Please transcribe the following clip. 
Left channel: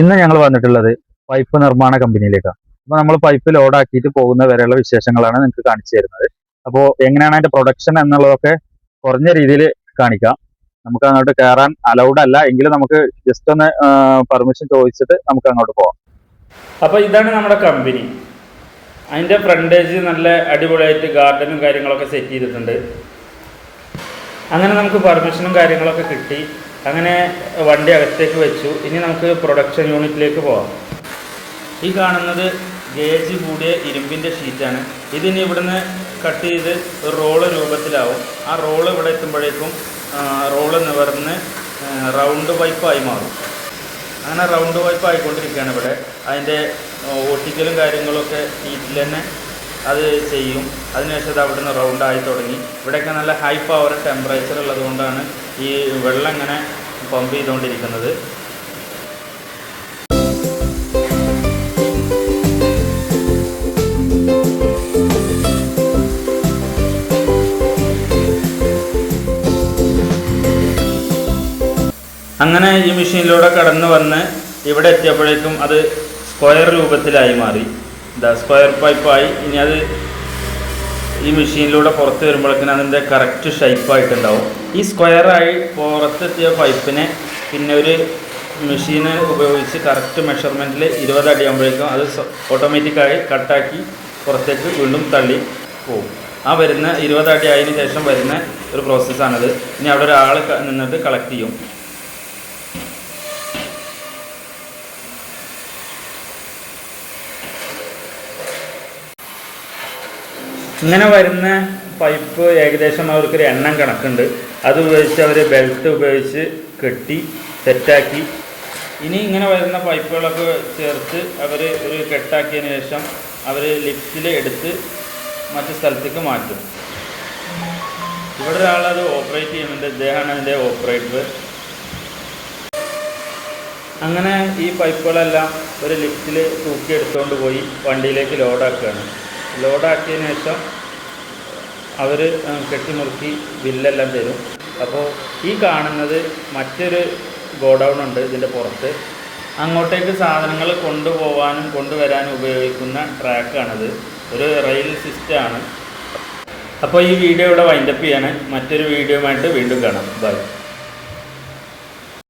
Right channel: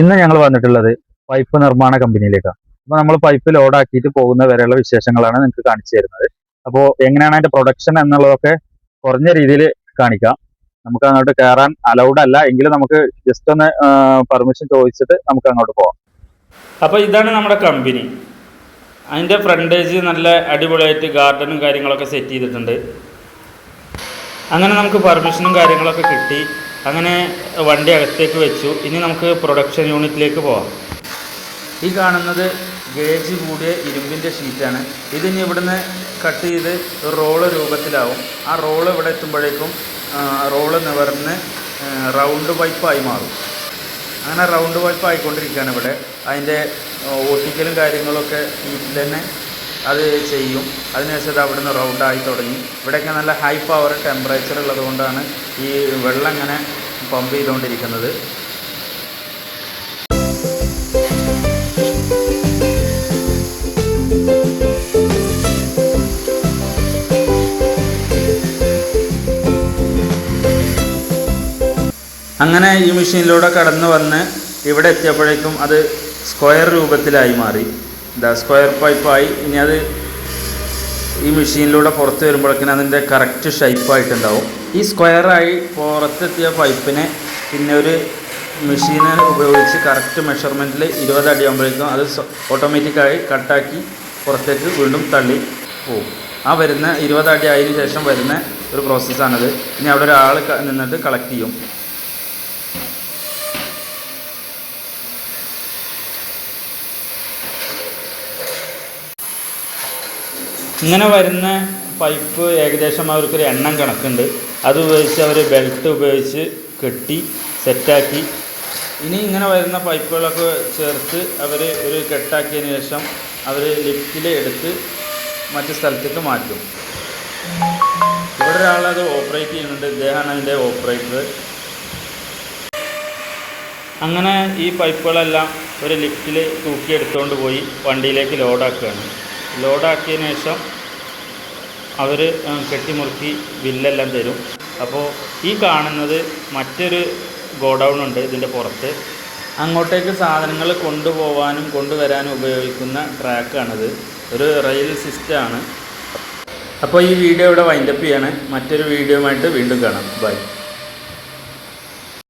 ഇന്ന് ഞങ്ങൾ വന്നിട്ടുള്ളത് പൈപ്പ് നിർമ്മാണ കമ്പനിയിലേക്കാണ്. അപ്പോൾ നമ്മൾ പൈപ്പ് ലോഡാക്കിയിട്ട് പോകുന്ന വരെയുള്ള വിശേഷങ്ങളാണ് നിങ്ങൾക്ക് കാണിച്ചു തരുന്നത്. അപ്പോൾ എങ്ങനെയാണ് അതിന്റെ പ്രൊഡക്ഷൻ എന്നുള്ളതൊക്കെ കുറഞ്ഞ രീതിയിൽ കാണിക്കാം. നമുക്ക് അങ്ങോട്ട് കയറാൻ അലൗഡ് അല്ല, എങ്കിലും നമുക്ക് ജസ്റ്റ് ഒന്ന് പെർമിഷൻ ചോദിച്ചിട്ട് നമുക്ക് അങ്ങോട്ട് പോകാം. അപ്പോൾ ഇതാണ് നമ്മുടെ കമ്പനി. അതിൻ്റെ ഫ്രണ്ടേജ് നല്ല അടിപൊളിയായിട്ട് ഗാർഡനും കാര്യങ്ങളൊക്കെ സെറ്റ് ചെയ്തിട്ടുണ്ട്. അങ്ങനെ നമുക്ക് പെർമിഷനും കാര്യങ്ങളൊക്കെ കിട്ടി. അങ്ങനെ വണ്ടി അകത്തേക്ക് വെച്ചു. ഇനി നമുക്ക് പ്രൊഡക്ഷൻ യൂണിറ്റിലേക്ക് പോകാം. ഈ കാണുന്നത് ഗേജ് കൂടിയ ഇരുമ്പിൻ്റെ ഷീറ്റാണ്. ഇതിനി ഇവിടുന്ന് കട്ട് ചെയ്ത് ഒരു റോള് രൂപത്തിലാവും. ആ റോള് ഇവിടെ എത്തുമ്പോഴേക്കും റോള് നിവർന്ന് റൗണ്ട് പൈപ്പായി മാറും. അങ്ങനെ റൗണ്ട് പൈപ്പ് ആയിക്കൊണ്ടിരിക്കുകയാണ് ഇവിടെ. അതിൻ്റെ ഒട്ടിക്കലും കാര്യങ്ങളൊക്കെ ഹീറ്റിൽ തന്നെ അത് ചെയ്യും. അതിനുശേഷം അവിടെ നിന്ന് റൗണ്ടായി തുടങ്ങി. ഇവിടെയൊക്കെ നല്ല ഹൈ പവർ ടെമ്പറേച്ചർ ഉള്ളത് കൊണ്ടാണ് ഈ വെള്ളം ഇങ്ങനെ പമ്പ് ചെയ്തുകൊണ്ടിരിക്കുന്നത്. അങ്ങനെ ഈ മെഷീനിലൂടെ കടന്നു വന്ന് ഇവിടെ എത്തിയപ്പോഴേക്കും അത് സ്ക്വയർ രൂപത്തിലായി മാറി. സ്ക്വയർ പൈപ്പായി. ഇനി അത് ഈ മെഷീനിലൂടെ പുറത്ത് വരുമ്പോഴേക്കും അതിൻ്റെ കറക്റ്റ് ഷേപ്പായിട്ടുണ്ടാവും. ഈ സ്ക്വയറായി പുറത്തെത്തിയ പൈപ്പിനെ പിന്നെ ഒരു മെഷീന് ഉപയോഗിച്ച് കറക്റ്റ് മെഷർമെൻറ്റിൽ 20 അടി ആകുമ്പോഴേക്കും അത് ഓട്ടോമാറ്റിക്കായി കട്ടാക്കി പുറത്തേക്ക് വീണ്ടും തള്ളി പോകും. ആ വരുന്ന 20 അടി ആയതിനു ശേഷം വരുന്ന ഒരു പ്രോസസ്സാണിത്. ഇനി അവിടെ ഒരാൾ നിന്നിട്ട് കളക്ട് ചെയ്യും. ഇങ്ങനെ വരുന്ന പൈപ്പ് ഏകദേശം അവർക്കൊരു എണ്ണം കണക്കുണ്ട്. അത് ഉപയോഗിച്ച് അവർ ബെൽറ്റ് ഉപയോഗിച്ച് കെട്ടി സെറ്റാക്കി. ഇനി ഇങ്ങനെ വരുന്ന പൈപ്പുകളൊക്കെ ചേർത്ത് അവർ ഒരു കെട്ടാക്കിയതിന് ശേഷം അവർ ലിഫ്റ്റിൽ എടുത്ത് മറ്റു സ്ഥലത്തേക്ക് മാറ്റും. ഇവിടെ ഒരാളത് ഓപ്പറേറ്റ് ചെയ്യുന്നുണ്ട്. ഇദ്ദേഹമാണ് അതിൻ്റെ ഓപ്പറേറ്റർ. അങ്ങനെ ഈ പൈപ്പുകളെല്ലാം ഒരു ലിഫ്റ്റിൽ തൂക്കിയെടുത്തുകൊണ്ട് പോയി വണ്ടിയിലേക്ക് ലോഡാക്കുകയാണ്. ലോഡാക്കിയതിന് ശേഷം അവർ കെട്ടിമുറുക്കി ബില്ലെല്ലാം തരും. അപ്പോൾ ഈ കാണുന്നത് മറ്റൊരു ഗോഡൗൺ ഉണ്ട് ഇതിൻ്റെ പുറത്ത്. അങ്ങോട്ടേക്ക് സാധനങ്ങൾ കൊണ്ടുപോകാനും കൊണ്ടുവരാനും ഉപയോഗിക്കുന്ന ട്രാക്കാണിത്. ഒരു റെയിൽ സിസ്റ്റമാണ്. അപ്പോൾ ഈ വീഡിയോ ഇവിടെ വൈൻഡപ്പ് ചെയ്യാണ്. മറ്റൊരു വീഡിയോയുമായിട്ട് വീണ്ടും കാണാം. ബൈ.